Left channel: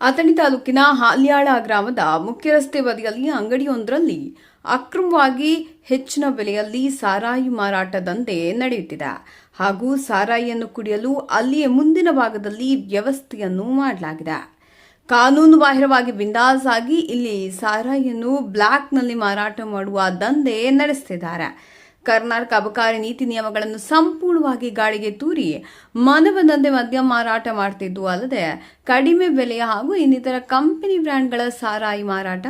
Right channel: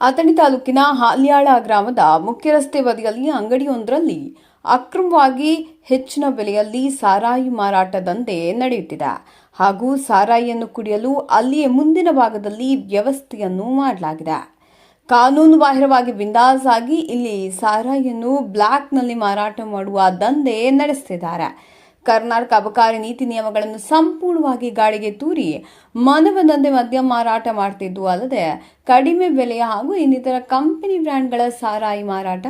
ಅಥಣಿ ತಾಲೂಕಿನ ಹಾಲ್ಯಾಳ ಗ್ರಾಮದ ಮುಖ್ಯ ರಸ್ತೆ ಬದಿಯಲ್ಲಿ ಅಂಗಡಿಯೊಂದರಲ್ಲಿ ಅಕ್ರಮವಾಗಿ ಹೆಚ್ಚಿನ ಬೆಲೆಯಲ್ಲಿ ಸಾರಾಯಿ ಮಾರಾಟ ದಂಧೆ ನಡೆಯುತ್ತಿದೆ. ಹಾಗೂ ಸಾರಾಯಿಯನ್ನು ಕುಡಿಯಲು ಅಲ್ಲಿಯೇ ಮುಂದಿನ ಭಾಗದಲ್ಲಿ ವ್ಯವಸ್ಥೆಯನ್ನು ಮಾಡಲಾಗಿದೆ. ಕಾನೂನು ಬಾಹಿರವಾಗಿ ಬಿಂದಾಸ್ ಆಗಿ ಇಲ್ಲಿ ಸಾರಾಯಿಯನ್ನು ಬ್ಲ್ಯಾಕ್ನಲ್ಲಿ ಮಾರಾಟ ಮಾಡುವ ದಂಧೆ ನಡೆಸುತ್ತಿದ್ದಾರೆ ಕರ್ನಾಟಕ ಅಬಕಾರಿ ನೀತಿ ನಿಯಮಗಳನ್ನು ಸಂಪೂರ್ಣವಾಗಿ ಗಾಳಿಗೆ ತೂರಿ ಮನಬಂದಂತೆ ಮದ್ಯ ಮಾರಾಟ ಮಾಡ್ತಿದ್ದು ಅಲ್ಲದೆ ಕಡಿಮೆ ಬೆಲೆಯ ಹಾಗೂ ಇನ್ನಿತರ ಕಂಪನಿ ಬ್ರ್ಯಾಂಡ್ಗಳ ಸಾರಾಯಿ ಮಾರಾಟ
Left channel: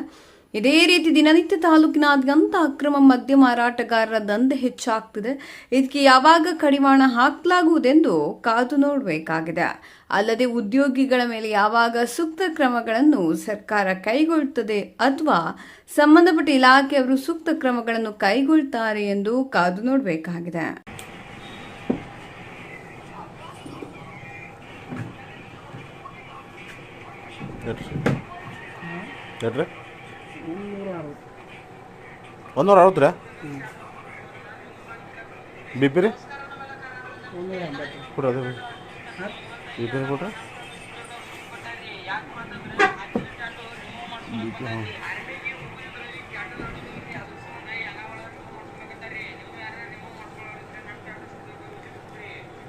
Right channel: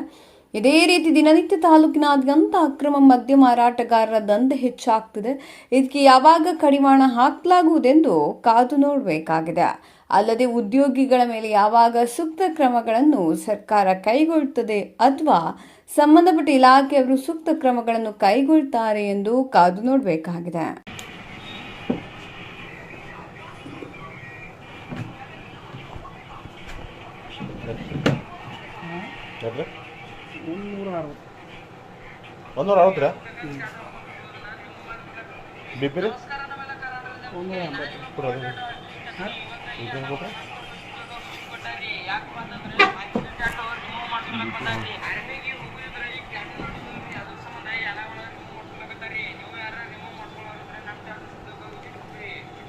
ಇದೇ ರೀತಿ ದಿನನಿತ್ಯ ತಾಲೂಕಿನಾದ್ಯಂತ ಅಕ್ರಮ ಮದ್ಯ ಮಾರಾಟಗಾರರ ದಂಧೆ ಹೆಚ್ಚಾಗ್ತಿದೆ. ಇದಕ್ಕೆ ಯಾವಾಗ ಕಡಿವಾಣ ಹಾಕಲಾಗುವುದೆಂದು ಕಾದು ನೋಡಬೇಕಾಗಿದೆ. ಅಲ್ಲದೆ ಉದ್ಯೋಗಿಗಳ ಮೇಲೆ ಯಾವಾಗ ಸೂಕ್ತ ಕ್ರಮಗಳನ್ನು ಸರ್ಕಾರ ಕೈಗೊಳ್ಳುತ್ತದೆ ಅಥವಾ ಸಂಬಂಧಪಟ್ಟ ಇಲಾಖೆಯವರು ಸೂಕ್ತ ಕ್ರಮಗಳನ್ನು ಕೈಗೊಳ್ತಾರೆ ಎಂದು ಕಾದು ನೋಡಬೇಕಾಗಿದೆ. ಮುನ್ನೂರ ಅರವತ್ತು. ಒಂದೂರ ಅರವತ್ತು ರೀ? ಬಿ ಪಿ ರೀ? ಒಂದೂರ ಎಂಬತ್ತು. ಕೊಡ್ರಿ ಅದೇ ಹಾಂ? ಬಿ ಪಿ ಕೊಟ್ರೆ?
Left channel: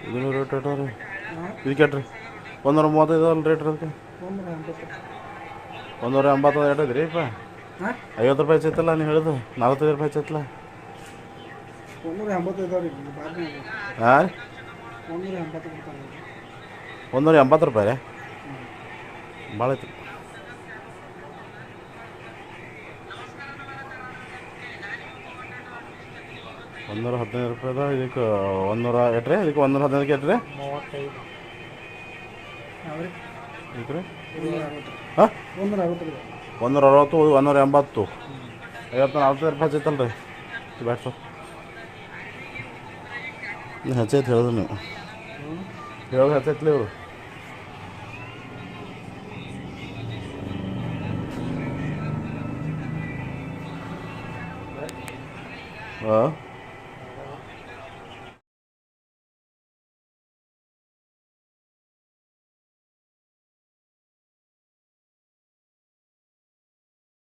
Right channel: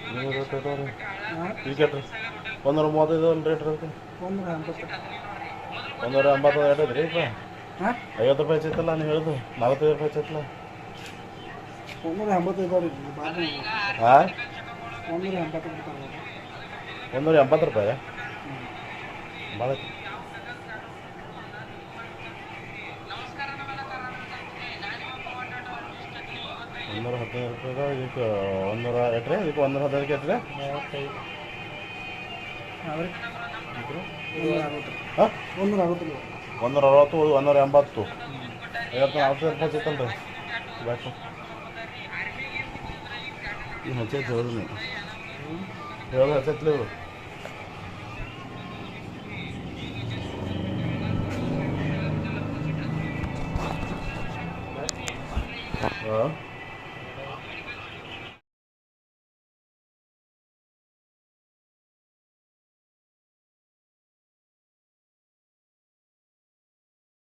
ಇದು ರೇಟ್ ರೀ ಎಷ್ಟ್ ರೀ ಒಂದೂರ ಮೂವತ್ತೈದು ಅಲ್ಲಿ ರೇಟ್ ಇರುತ್ತೆ. ಒಂದೂರ ಎಂಬತ್ತು. ಒಂದೂರ ಎಂಬತ್ತು ಎಷ್ಟೈತೆ ರೀ ಇಪ್ಪ ಹಾಂ? ಐವತ್ತು ರೂಪಾಯಿ ಹೆಚ್ಚೈತಲ್ಲ ನೀವು ಹೇಳಿದ್ರು ನಲ್ವತ್ತೈದು ರೂಪಾಯಿ ಹೆಚ್ಚೈತಲ್ಲ. ಒಂದೂರ ಎಂಬತ್ತು ಇದಾವೆ ರೀ ಬಾರ್ನ ಹಾಂ ಒಂದೂರ ಎಂಬತ್ತು ಕೊಡ್ತಾರೆ ಒಂದೂರ ಎಂಬತ್ತು ರೂಪಾಯಿ. ಭಾಳ ಐತಿ. ಒಂದೂರ ಹದಿನೈದು ರೂಪಾಯಿದ ಇದಕ್ಕೆ ಒಂದೂರ ಎಟ್ರಿ ಇದಕ್ಕೆ ಒಂದೂರ ಹದಿನೈದಕ್ಕೆ ಎಟ್ರಿ? ಮೂವತ್ತೈದು. ರೀ ಒಂದೂರ ಅರವತ್ತು ಹಾಂ? ಒಂದೂರ ಅರವತ್ತು ಒಂದೂರ ಅರವತ್ತು ಒಂದೂರ ಎಂಬತ್ತು ಐವತ್ತು ನಲ್ವತ್ತೈದು ರೂಪಾಯಿ ಹಚ್ಚೈತಲ್ಲ ರೀ ಬ್ಯಾಟ್ರು ನೀವು ಹಚ್ಚೈತೆ ಹೇಳಿದ್ರು ನೀವು. ಹೇಳೋದು ಹಚ್ಚೈತ್ಲಿ ಇವರು. ಹಾಂ?